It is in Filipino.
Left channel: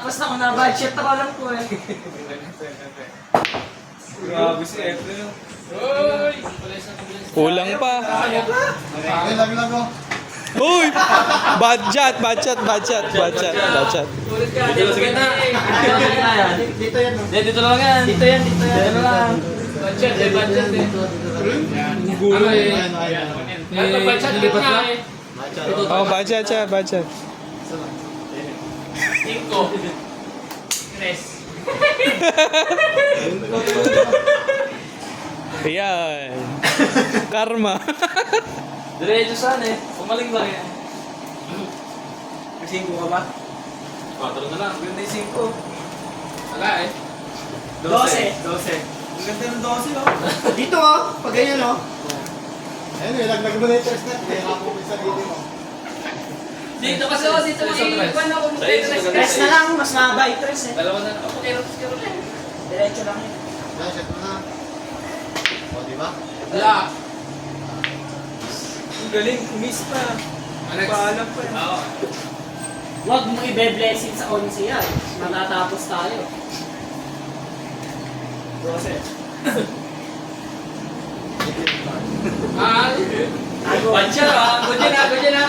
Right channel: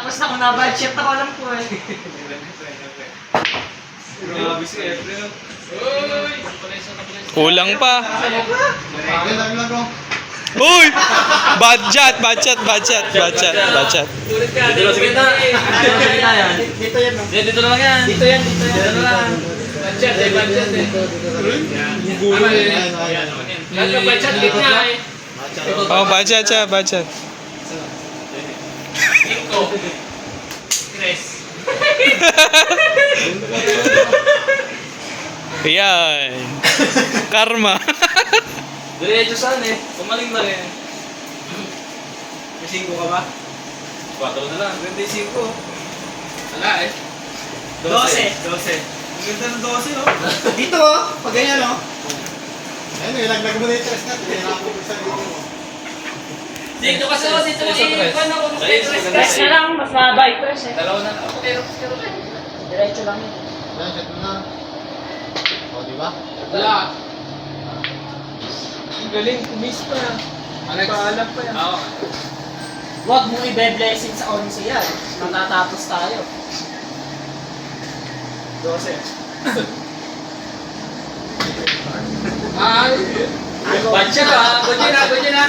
Tapos na ako na-budget ako alam ko eh. Grabe si Efren. Kulang pa. Yan lang lang ko. Uy! Budget. Ulit ka, dito sa gitna. Dito yan. Dito yan. Dito lang yan. Dito yan. Dito lang. Budget eh, budget eh. Ano yun? Dapat budget gitna eh. Oh, budget siya, budget. 5. 3. Ayan. Karma. Diretso saan eh. Pumaling lang eh. May 5 ka ba? 4 na lang. Ganda yung 5. Wala eh. 12. 12. Ang ganda ng 12, oh. Dito, oh. Pag ganyan, oh. Ayun, ilaglag mo na yung chestnut. Kaya nakapupisa dito, oh. Dito kasi ako, dito lang iwan ako. Press na lang, mas mahaba yung press eh. Dalawa na lang. Okay, Diretso lang yun. Ayan, set mo na. O, di ba? wala. Ang galing, miss pa. Paalam pa yan. Oo. Huwag mo ibe-blessing sa 11 yan. Matatapos tayo. 12. Ay. Ako. Budget ah. Budget na.